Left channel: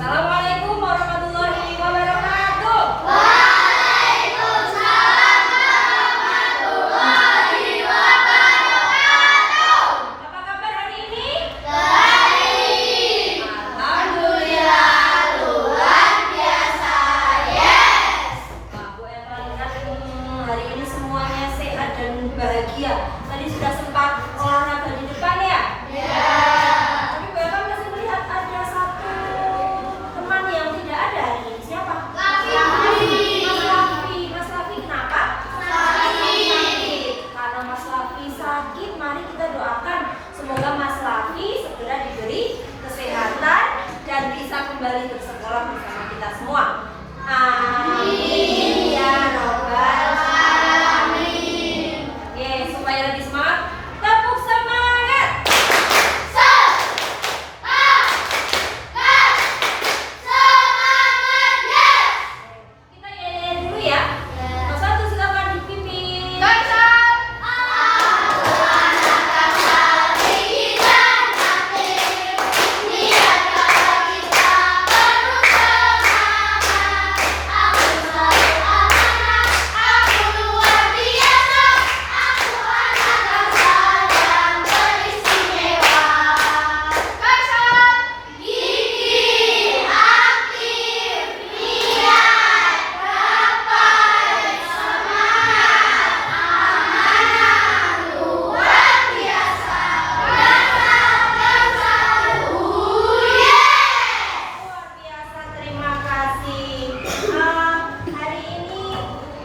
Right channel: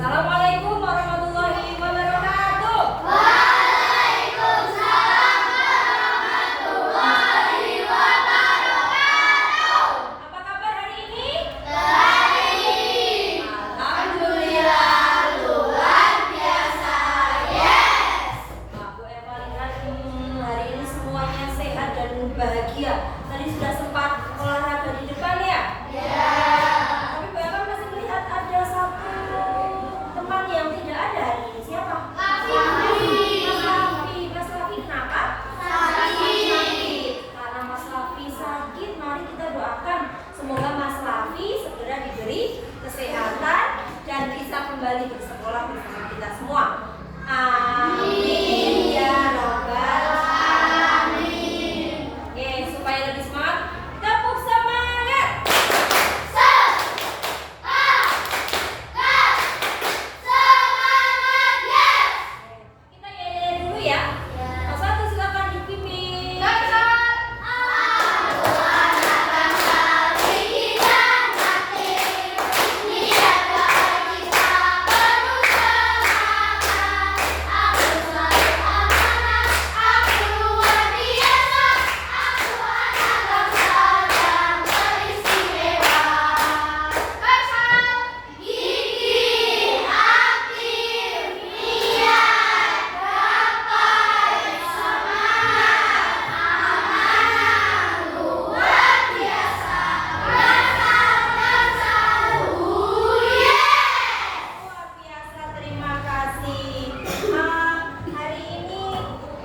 Assalamualaikum warahmatullahi wabarakatuh. Waalaikumsalam warahmatullahi wabarakatuh. Apa kabar hari ini? Baik. Alhamdulillah luar biasa. Yes. Wah, Bu Eva lihat hari ini semuanya sehat dan bahagia. Tadi sudah sempat olahraga di depan ya? Ya. Tapi Bu Eva masih melihat ada satu teman yang tidak ada hari ini. Siapa? Mas Lafi. Mas Lafi kenapa? Sakit. Karena Mas Lafi sakit, mari kita doakan semoga Mas Lafi segera diberi kesehatan dan bisa kembali bersekolah bersama kita semua. Amin ya robbal alamin. Oke, supaya lebih semangat, tepuk semangat. Kita nyanyi dulu ya. Mas satu silakan dipimpin. Luar biasa, terima kasih. Hari ini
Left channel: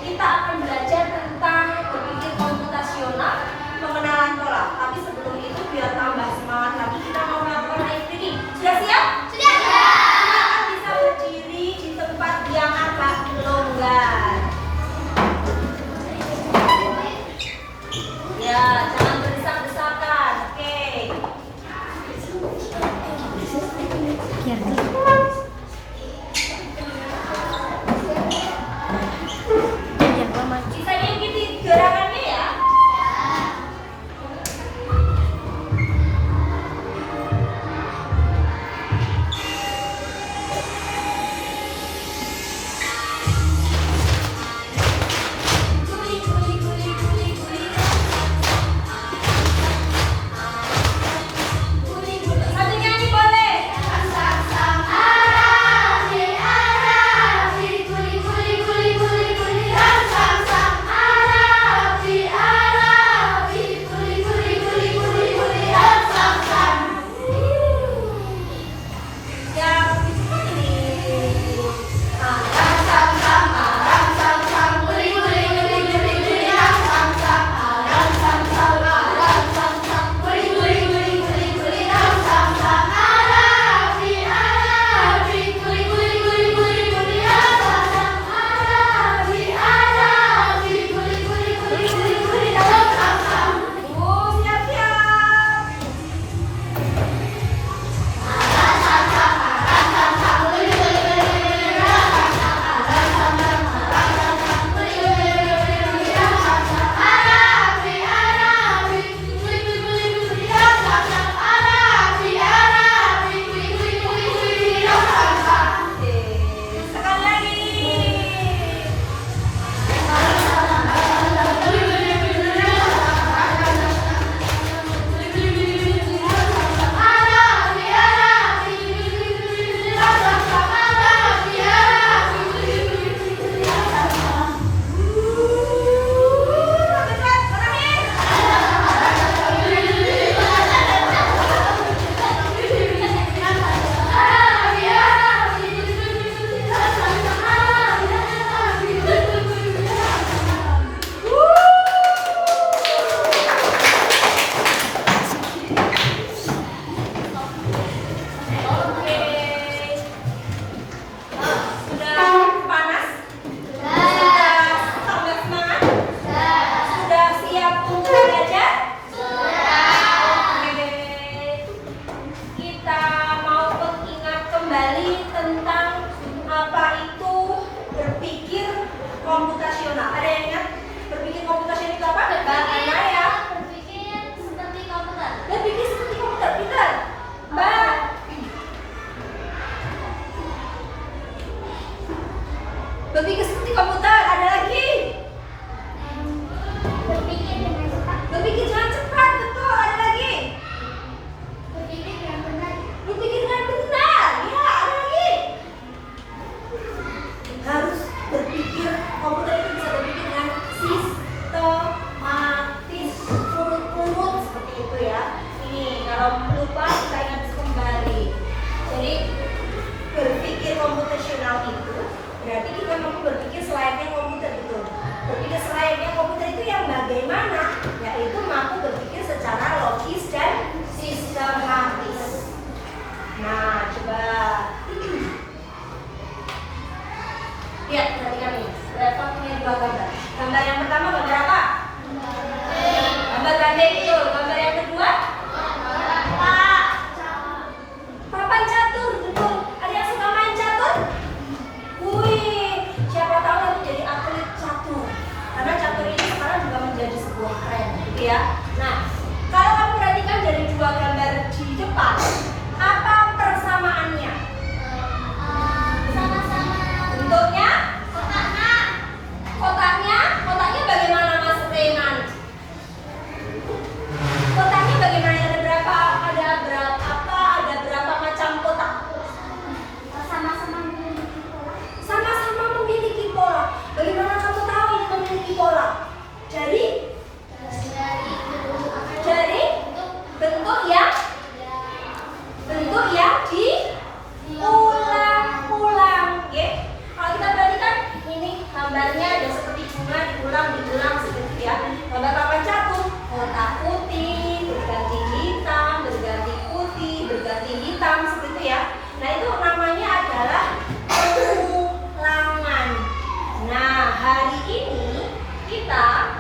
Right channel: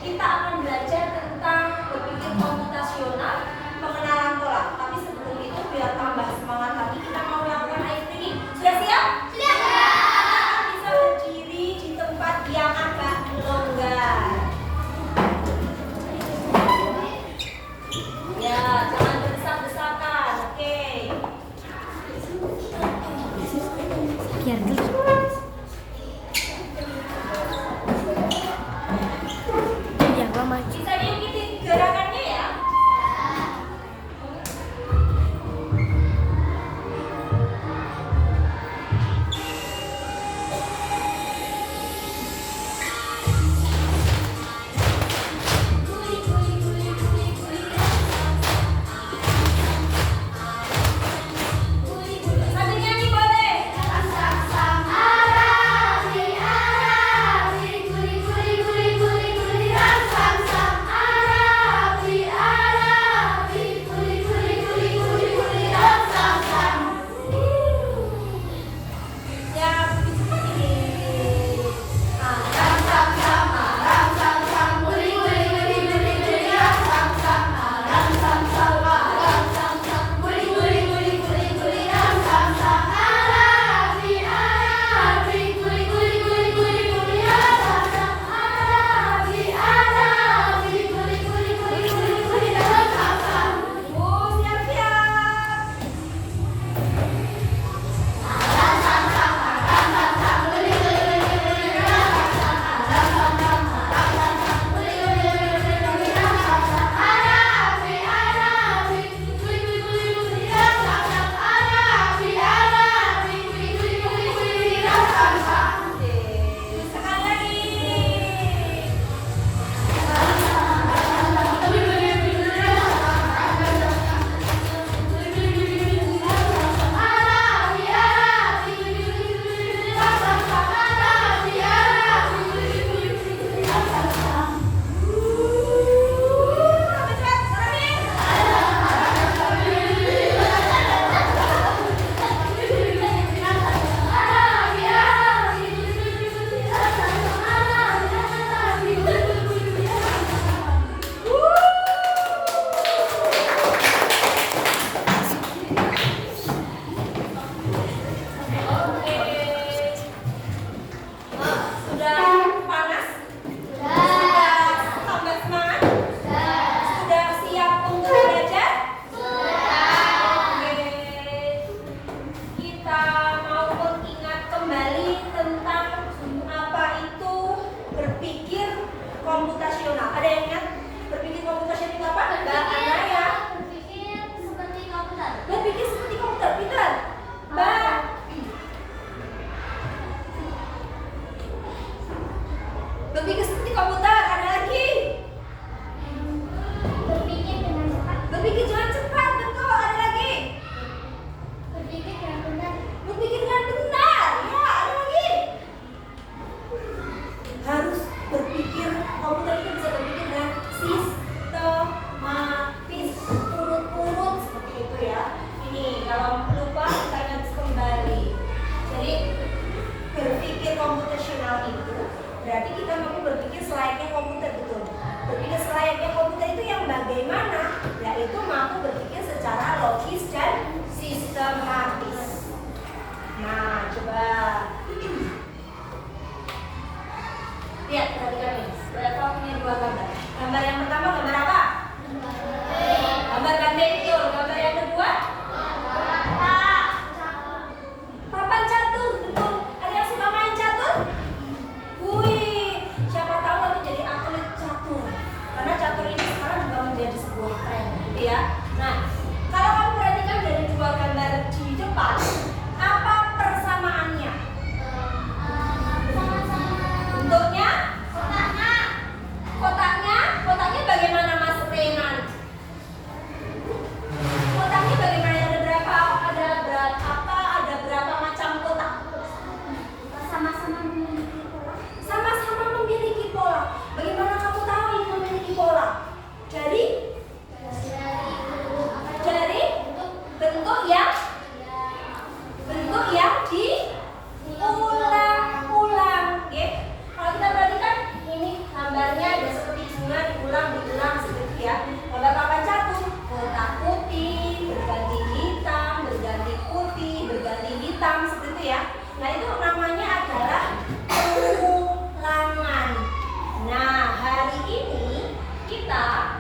kita akan belajar tentang berpikir komputasional, pengenalan pola. Tapi sebelum itu biar tambah semangat lagi, kita mau melakukan activity. Sudah siap? Silakan bisa berdiri di tempat yang agak longgar. Ya, jangan berdesak-desakan. Oke. Biar biar mama. Bisa diikuti gerakannya ya. Satu nyanyi boleh. Berpikir seperti komputer. Ada lagi. Berpikir dengan cepat. Berpikir jangan cepat. Betul. Ada lagi. Berpikir dengan benar. Berpikir dengan benar. Ya, ada lagi. Harus berpikir, komputer itu bisa berpikir dengan sistematis, urut-urut seperti itu ya. Ini kalau lupa kita ingat kembali. Jadi berpikir komputasional itu berarti kita memang berpikir selayaknya komputer, betul. Berpikir selayaknya komputer itu yang bagaimana? Yaitu mampu berpikir secara logis dan sistematis. Nah, coba lihat, perhatikan nih. Berapa punya dua gambar? Gambar yang pertama gambar apa? Gambar gandeng, betul. Gambar yang kedua? Papan catur, betul. Ada yang suka main catur? Wih, siapa tahu nanti jadi atlet catur. Karena catur ini sekarang juga menjadi sebuah tren, gitu ya. Nah, kalau kamu perhatikan dari dua gambar di depan, apa persamaannya? Bentuknya? Kotaknya bagaimana Mas Renan? Kotaknya bagaimana? Ada berapa macam kotak? Sama-sama memiliki pola. Sama-sama memiliki pola. Bagaimana kamu tahu ini memiliki pola? Dari bentuk yang diulang-ulang, oke? Kalau kita perhatikan ini gambarnya ada seperti bunga diulang seperti ya. Gambar papan catur, kotak putih berganti hitam, berganti putih, berganti hitam seperti itu ya. Nah, itu namanya adalah pengulangan. Nah, hari ini kita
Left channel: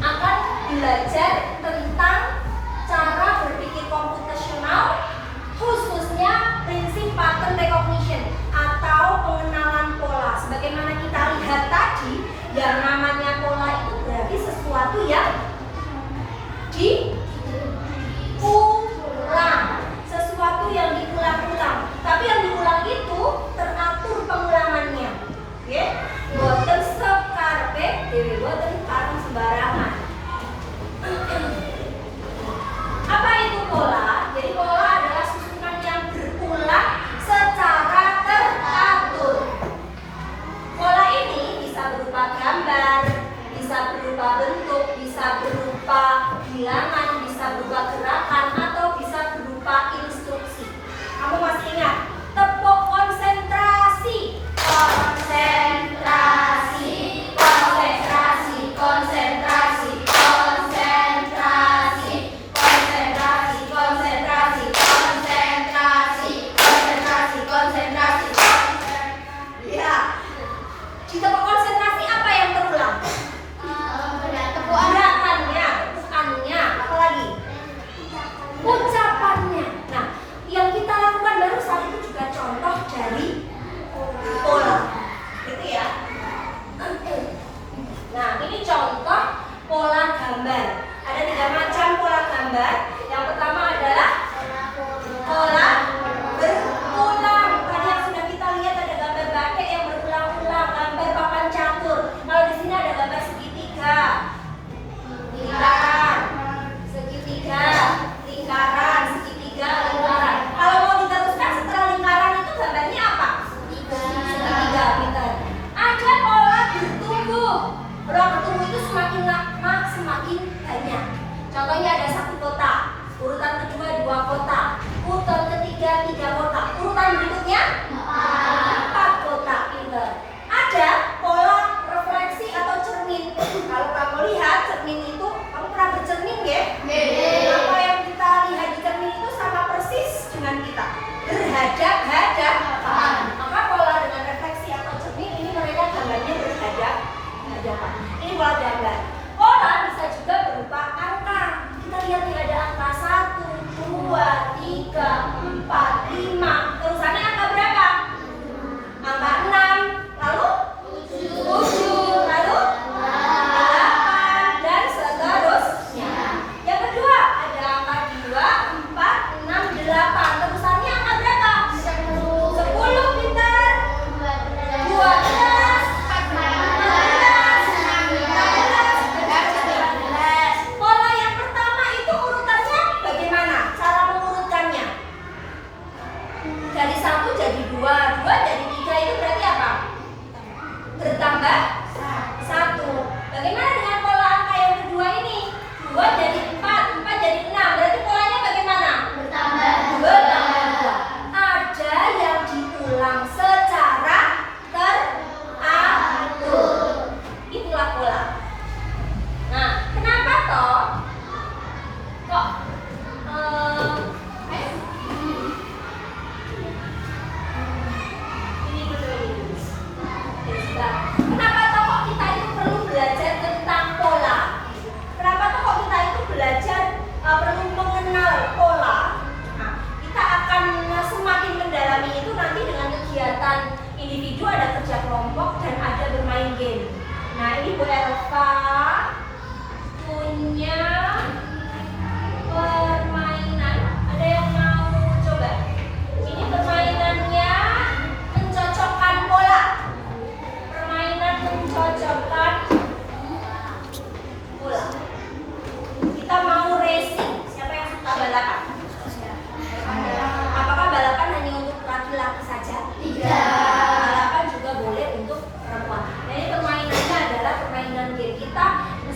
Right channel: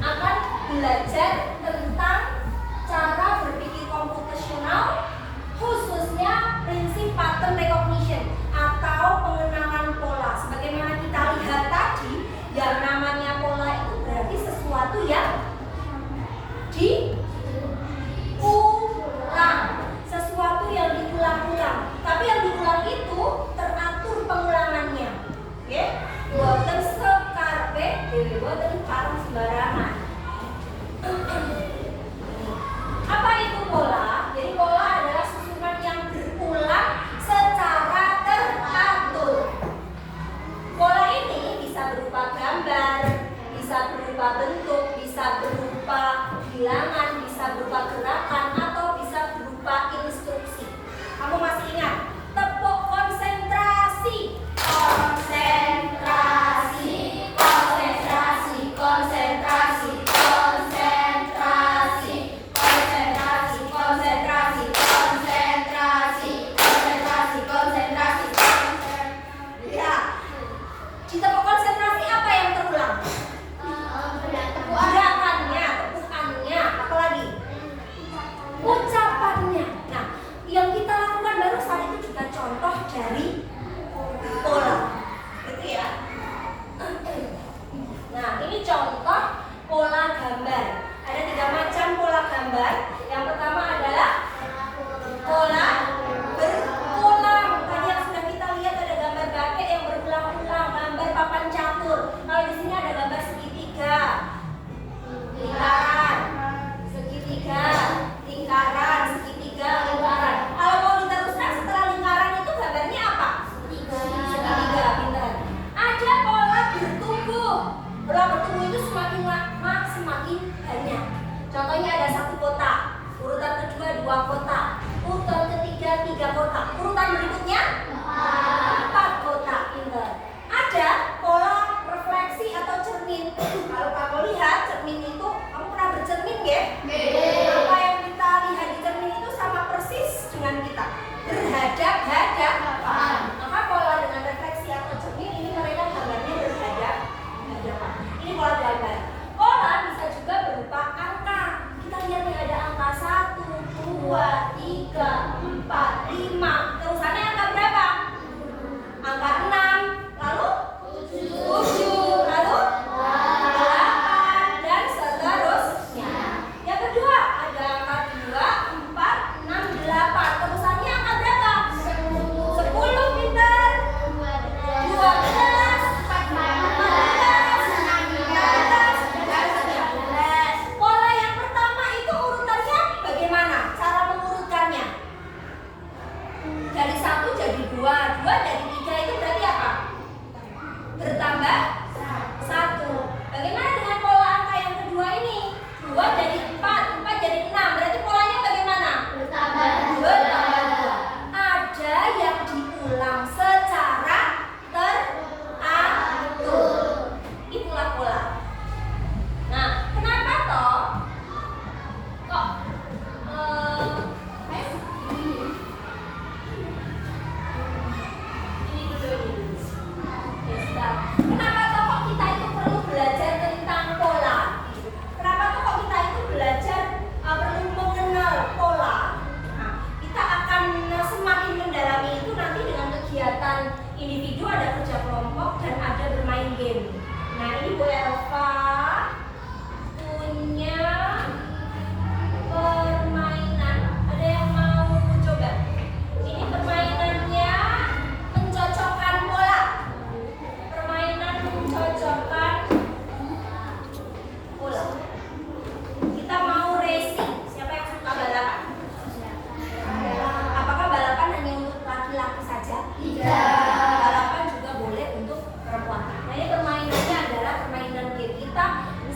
akan belajar tentang cara berpikir komputasional, khususnya prinsip pattern recognition atau pengenalan pola. Sebagaimana kita lihat tadi, yang namanya pola itu berarti sesuatu yang diulang, sesuatu yang diulang-ulang. Tapi yang diulang itu teratur pengulangannya, oke? Boten sekarpe, boten parang sembarangan. Apa itu pola? Jadi pola adalah susunan yang berulang secara teratur. Pola ini bisa berupa gambar, bisa berupa bentuk, bisa berupa bilangan, bisa berupa gerakan, atau bisa berupa instruksi. Kamu masih ingat? Tepuk konsentrasi. Konsentrasi, konsentrasi, konsentrasi, konsentrasi, konsentrasi, konsentrasi, konsentrasi, konsentrasi, konsentrasi. Ya. Di tepuk konsentrasi apa yang terulang? Gerakannya, tepukannya, apa lagi? Ucapannya. Nah, yang kita lakukan barusan itu juga contoh dari pola, gitu ya. Nah, ini contoh pola gambar. Ada 3 macam pola gambar. Yang pertama adalah pola berulang. Tadi yang sudah kita lihat ada gambar bake yang berulang-ulang, gambar papan catur. Kalau di sini ada gambar segitiga, lingkaran, segitiga, lingkaran, segitiga, lingkaran. Kalau mau diteruskan setelah lingkaran itu gambarnya apa? Segitiga, pintar. Ada pola bertumbuh. Pola bertumbuh itu semakin lama semakin banyak. Contohnya ada 1 kotak, urutan kedua 2 kotak, urutan ketiga 3 kotak, urutan berikutnya 4 kotak, pintar. Ada pola refleksi atau cermin. Kalau kamu lihat cermin itu, kamu pernah bercermin ya? Apa yang kita lihat di cermin itu sama persis dengan kita, berhadap-hadapan. Maka pola dengan refleksi atau cermin ini mereka gambarnya berhadap-hadapan. Ini pola gambar. Pola bisa juga berupa angka. Kita lihat nih ada angka 1, 2, 3, 4, 5. Terusannya angka berapa? Angka 6. Lalu 7, lalu 8 dan seterusnya. Yang kedua ada angka 2, 4, 6, 8. Terusannya angka jadi 2, 2 jadi 3 itu berarti apa? Bertambah 1. Bagaimana dengan pola angka yang kedua ini? 2 jadi 4, 4 jadi 6. Berarti polanya bagaimana? Bertambah 2. Ada yang diulang secara teratur. Itulah pola. Nah, kenapa toh? Kok ini dulu ini. Kenapa toh kok kita itu perlu belajar tentang pola? Kenapa toh kok kita itu belajar perlu mengenal pola? Nah, kita akan semakin mendalami itu nanti dengan kegiatan individu, ada kerja kelompok dan ada bermain game. Nah, ini Bu Elva punya permainan. Ada yang mau coba? Ini permainannya mencocokkan pola. Permainan mencocokkan pola. Kita mau racing. Siapa yang suka balapan? Apakah balapan hanya untuk laki-laki saja? Tidak. Balapan juga boleh untuk perempuan. Nah, ini permainannya adalah permainan game. Kita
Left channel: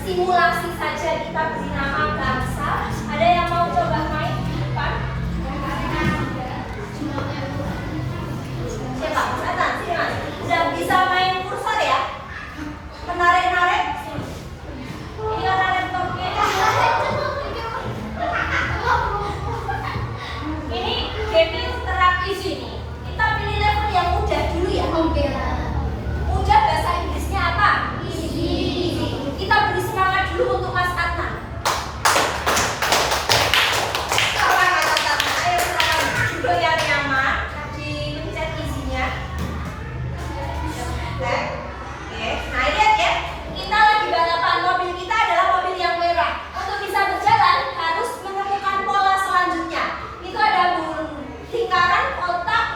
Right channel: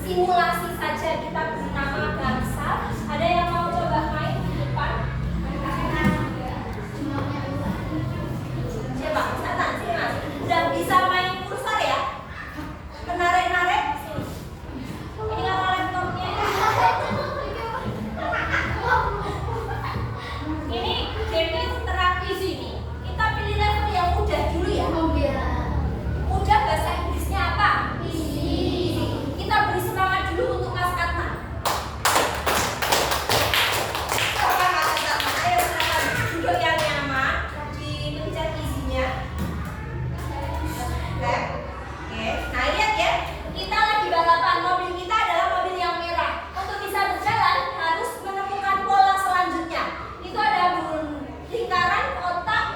simulasi saja, kita beri nama Gamsa. Ada yang mau coba main di depan? Siapa? Satan, sini Mas. Sudah bisa main kursor ya? Menarik-narik? Sini. Ini karena laptopnya. Ini game interaktif ini. Kita pilih level yang mudah dulu ya. Mudah bahasa Inggrisnya apa? Easy. Kita beri semangat dulu untuk Mas Adnan. Apa Mas Adnan? Ayo silakan duduk yang nyaman, dipencet easy-nya. Oke. Nah, lihat ya. Kita lagi balapan. Mobil kita adalah mobil yang merah. Untuk bisa berjalan harus menemukan pola selanjutnya. Itu ada lingkaran, kotak,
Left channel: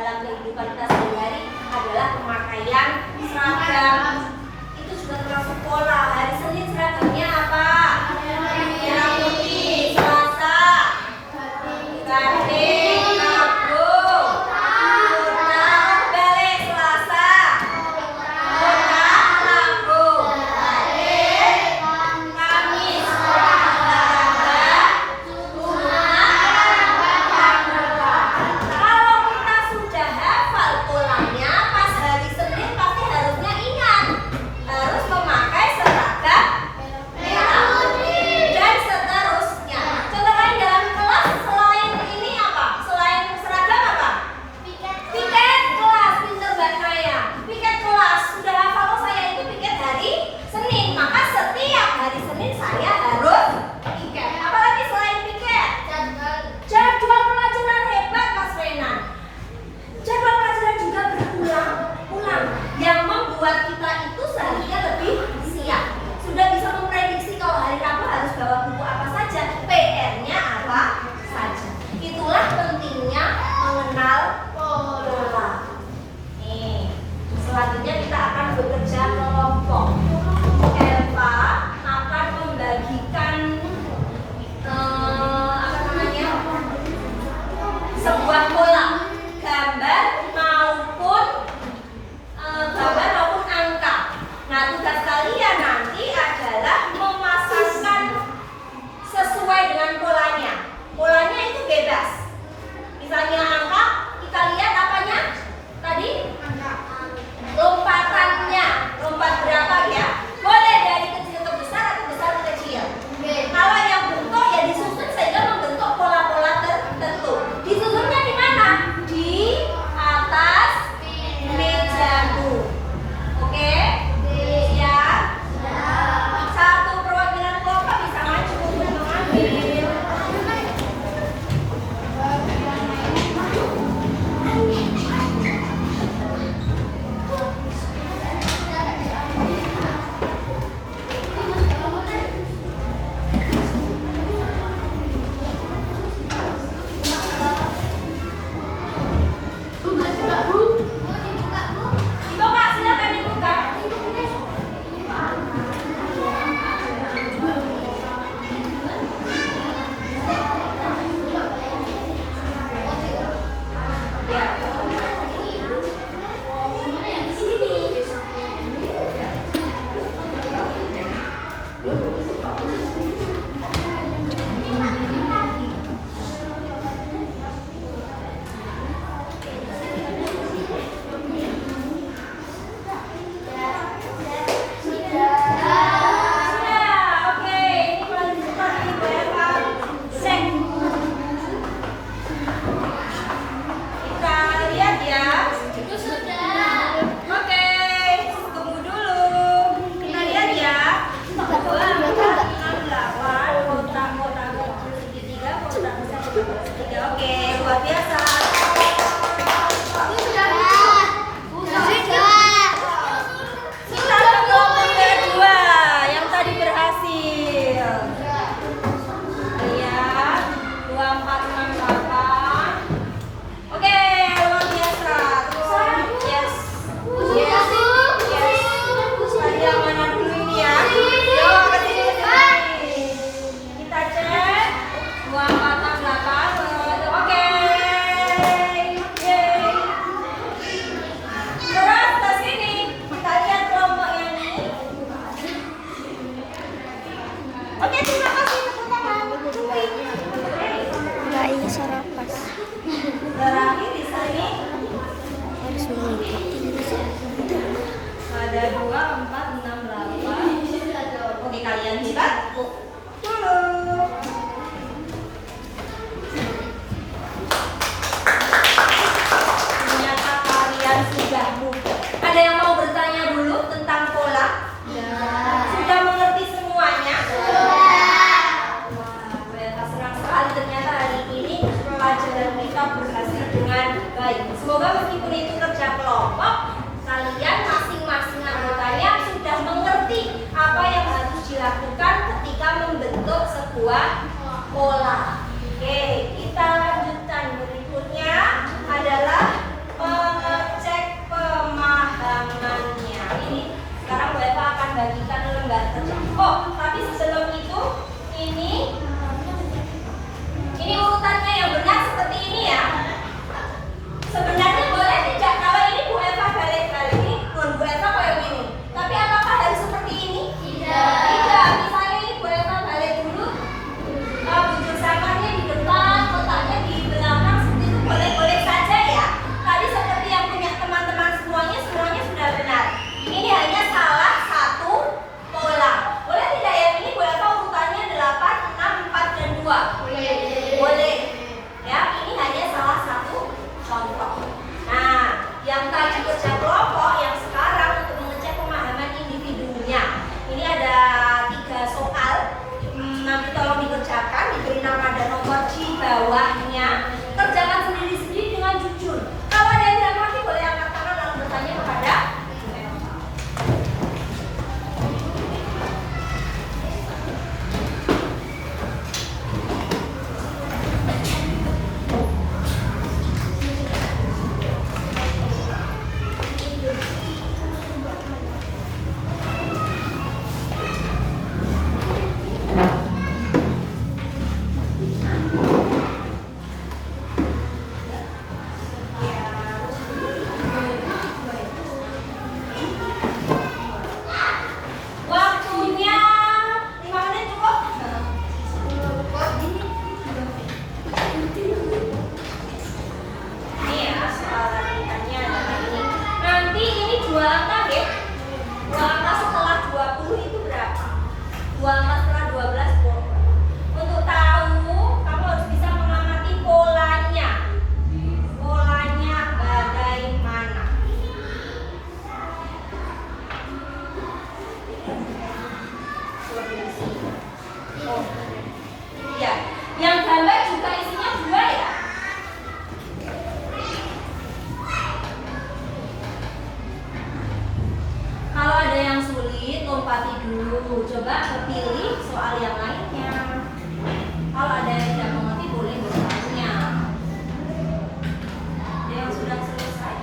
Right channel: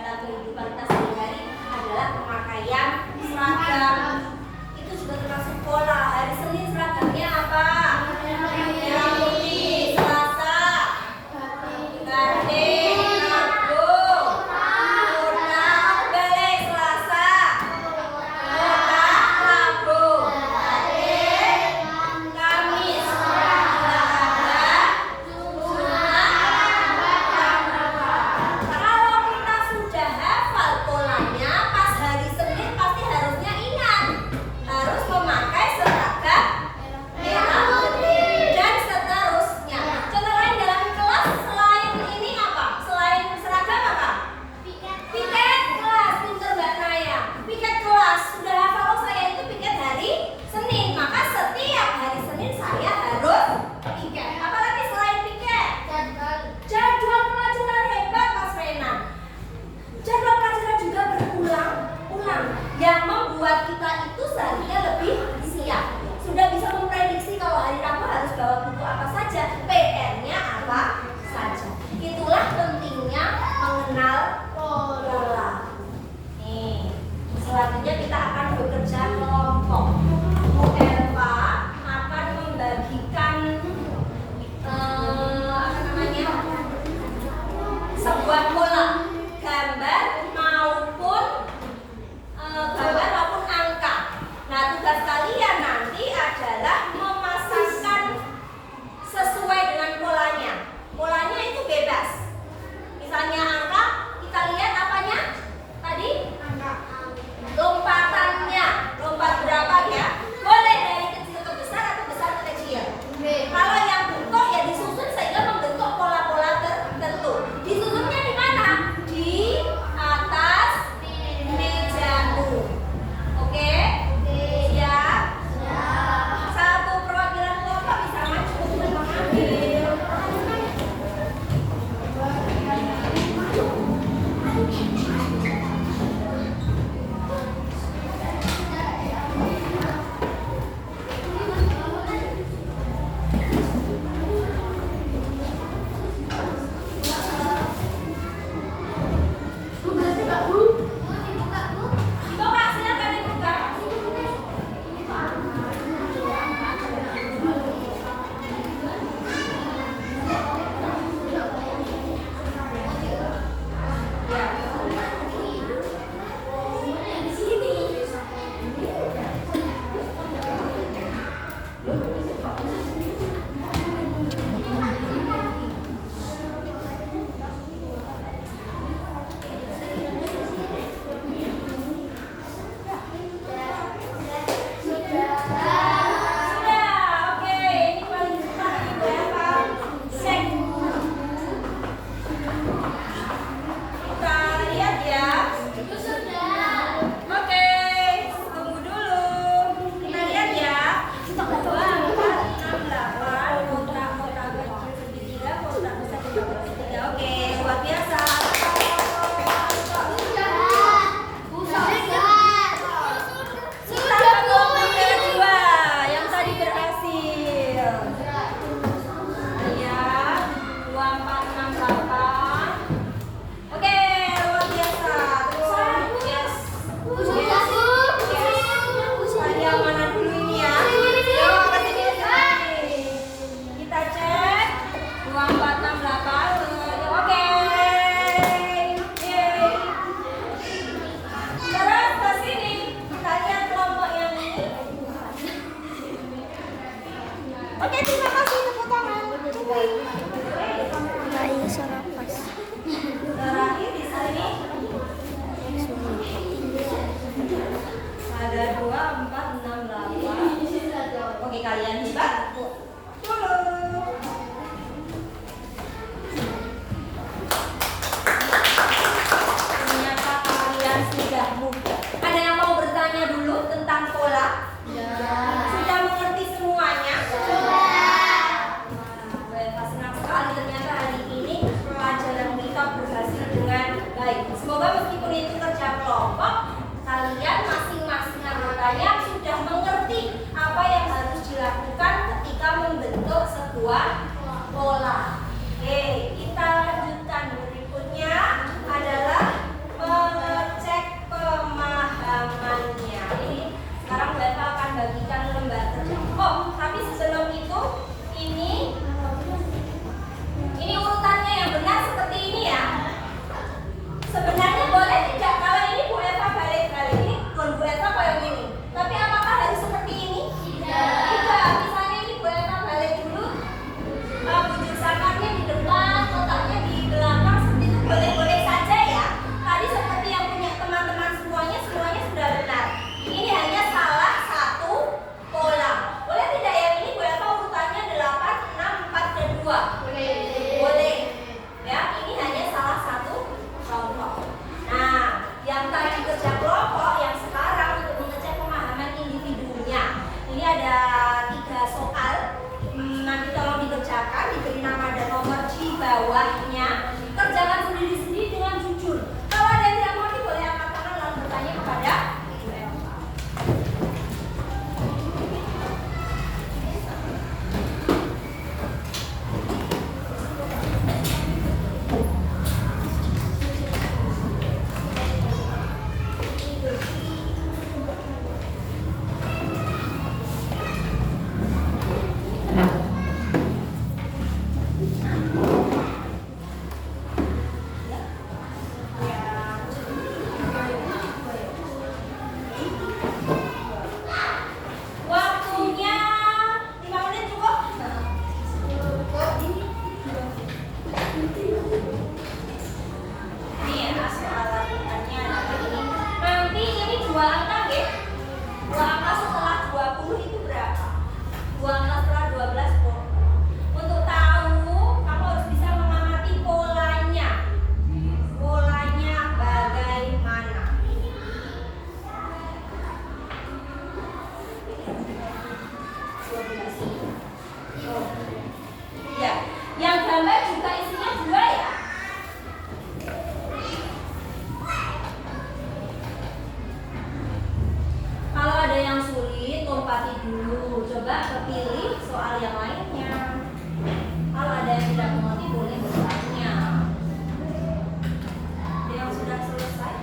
dalam kehidupan kita sehari-hari adalah pemakaian seragam. Itu juga termasuk pola. Hari Senin seragamnya apa? Merah putih. Selasa batik, Rabu kotak, balik. Selasa kotak, Rabu batik, Kamis olahraga, kalau kita sudah hafal polanya, pas hari Senin pasti harusnya ingat harus memakai seragam merah putih dan seterusnya. Contoh lain dalam kelas selain ini apa? Selain seragam apa? Piket kelas. Pinter Mbak Naya. Piket kelas. Sudah hafal, oh saya itu piket hari Senin, maka setiap hari Senin saya harus piket. Apalagi selain piket? Jadwal pelajaran. Hebat Mas Renan. Jadwal pelajaran juga berulang-ulang yang membuat kita itu seharusnya lebih siap. Sudah bisa memprediksi kalau hari Rabu harus bawa buku apa saja, PR-nya apa saja. Itulah pentingnya mengenal pola. Nih, selanjutnya kita akan bekerja kelompok. Eva akan membagikan sebuah pola gambar maupun angka. Nah, tugas kalian nanti adalah memasangkan sesuai dengan polanya. Polanya itu bebas. Misalnya angka, kita lihat apanya? Tadi? Lompatannya. Lompat berapa ya? Boleh dari kecil ke besar atau besar ke kecil. Kalau yang bentuk ya disusun sehingga membentuk pola-pola tertentu. Disusunnya di mana? Di atas mejamu. Oke? Siap? Satu perwakilan kelompok bisa maju dan mengambil. Dibuka, silakan dibuka. Terakhir di sini ada 2, 4, 6, 8. Oke, kalian hebat. Dulu. Ternyata kalian sudah mudah. Ada yang mau bertanya dulu tentang pola? Sudah mengerti semuanya? Senang sekali ternyata hari ini pelajaran kita berhasil dengan baik. Semoga meskipun itu kerja kelompok, kalian masing-masing anggotanya sudah mengerti apa yang harus dilakukan ketika membentuk sebuah pola. Oke, kita lanjutkan. Berikutnya adalah lewati dulu. Coba pilih soal yang lainnya. Kalau ada yang tidak mengerti boleh bertanya. Ada yang sudah selesai?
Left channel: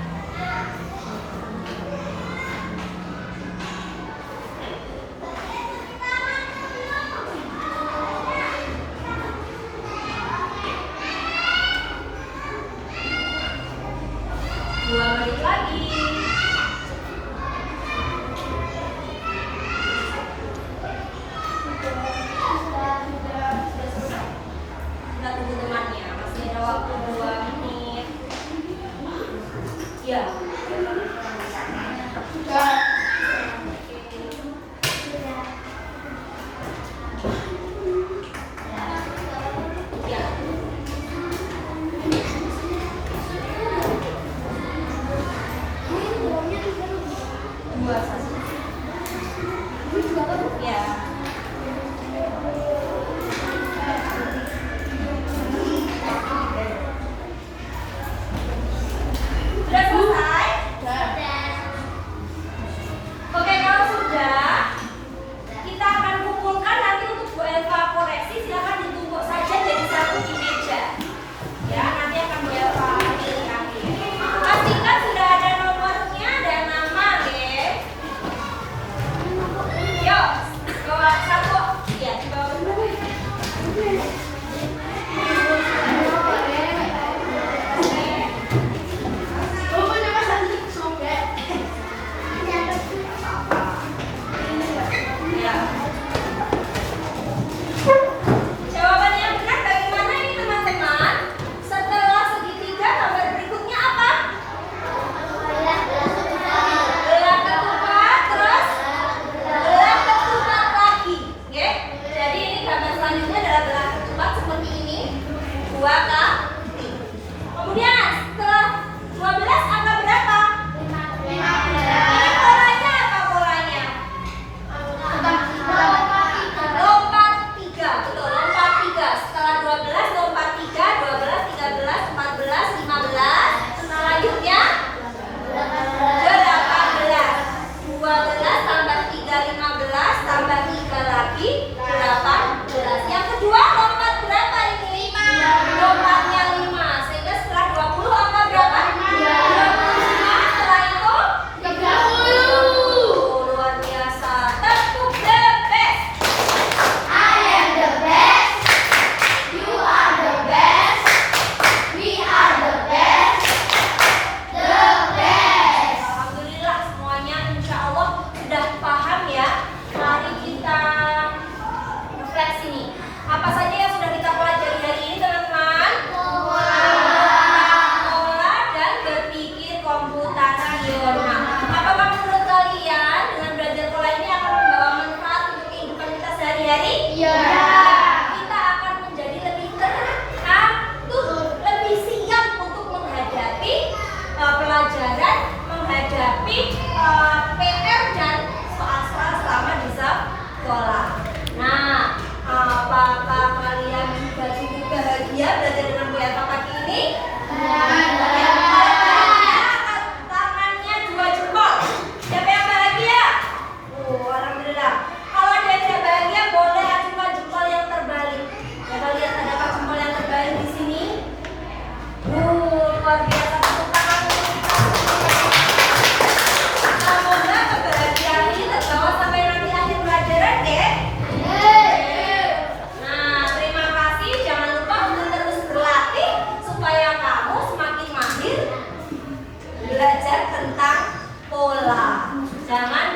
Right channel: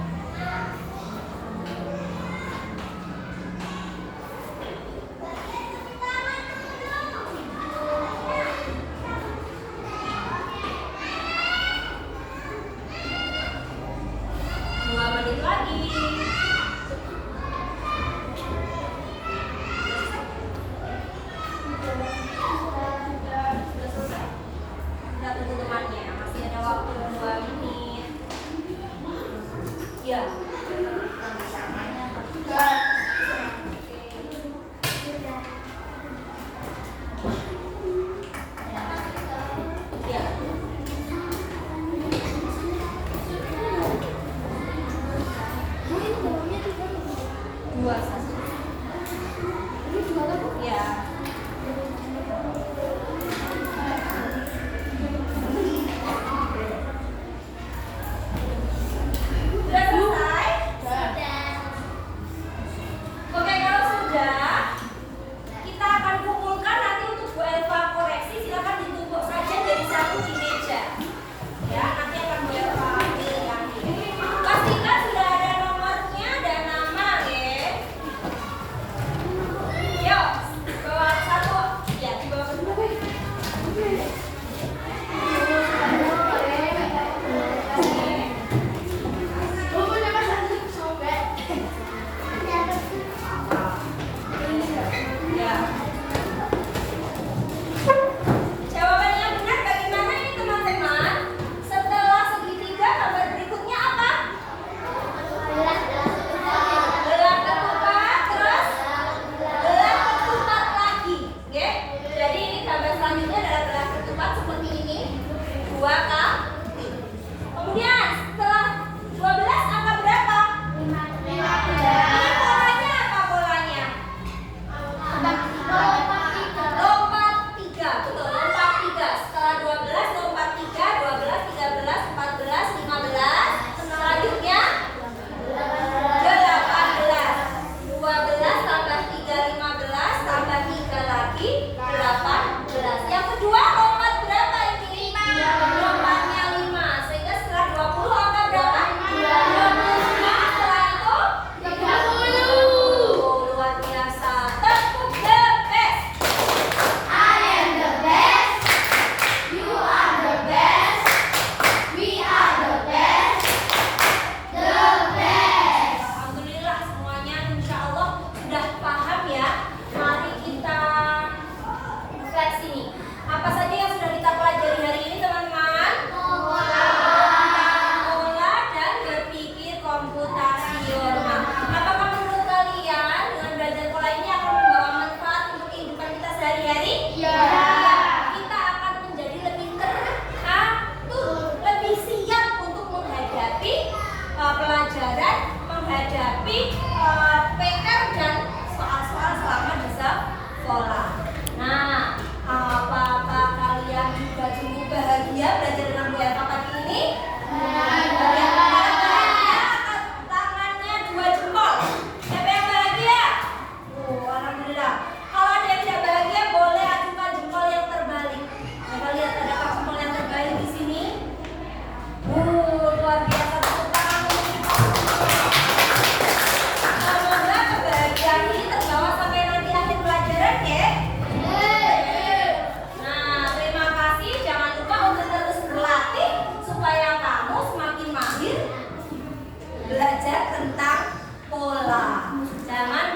Dua menit lagi. Sudah tunggu temannya, masih ada waktu 2 menit. Ya. Ya. Dua saja. Ya. Sudah selesai? Oke, kalau sudah, kita akan kumpulkan nanti untuk Bu Elva koreksi. Silakan ditumpuk saja jadi satu di meja. Ya, nanti akan Bu Elva pilih nanti. Pastikan sudah ada nomornya dan nama, ya. Yuk, bawa satu. Ya, dibawa berdua. Ya. Jawaban yang benar bagaimana ini teman-teman? Setelah segitiga gambar berikutnya apa? Belah ketupat, terus belah ketupat lagi. Oke? Jadi ini gambar selanjutnya adalah belah ketupat seperti ini. 2 kali. Kemudian setelah 12 angka berapa? 15. Ini polanya apa polanya? Lompat 3, betul, lompat 3. Setelah 12, lompat 3, 12, 13, 14, 15. Selanjutnya 18. 12 tambah 3, 15, tambah 3 lagi, 18. Yang kedua lompat berapa ini? Lompatnya 5. Sehingga setelah 20 angka berapa? 25. Setelah itu 30. Luar biasa. Tepuk the best. Alhamdulillah semuanya insya Allah sudah paham ya. Mari kita refleksi nih. Apa saja yang sudah kita pelajari hari ini teman-teman? Pola dan berpikir komputasional. Apakah menurut kalian dengan belajar pola ini akan membawa manfaat untuk kehidupan kita sehari-hari? Kita akan menjadi lebih teratur, lebih siap untuk menghadapi pelajaran, menghadapi PR dan soal-soal selama di sekolah. Nah, apakah kalian juga cukup bahagia belajar dengan Bu Elva pagi ini? Oke, kalau bahagia, angkat tangannya 2 jempol. Siapa yang bahagia? Alhamdulillah. Kalau ada yang tidak bahagia, boleh ajukan jempol yang terbalik. Kita lihat adakah jempol yang terbalik di sini? Luar biasa, tepuk tangan untuk kita. Semoga kebahagiaan ini terbawa sampai nanti akhir pelajaran, ya. Nah, terima kasih. Jangan lupa untuk terus berlatih supaya kamu semakin mahir belajar tentang pola. Jangan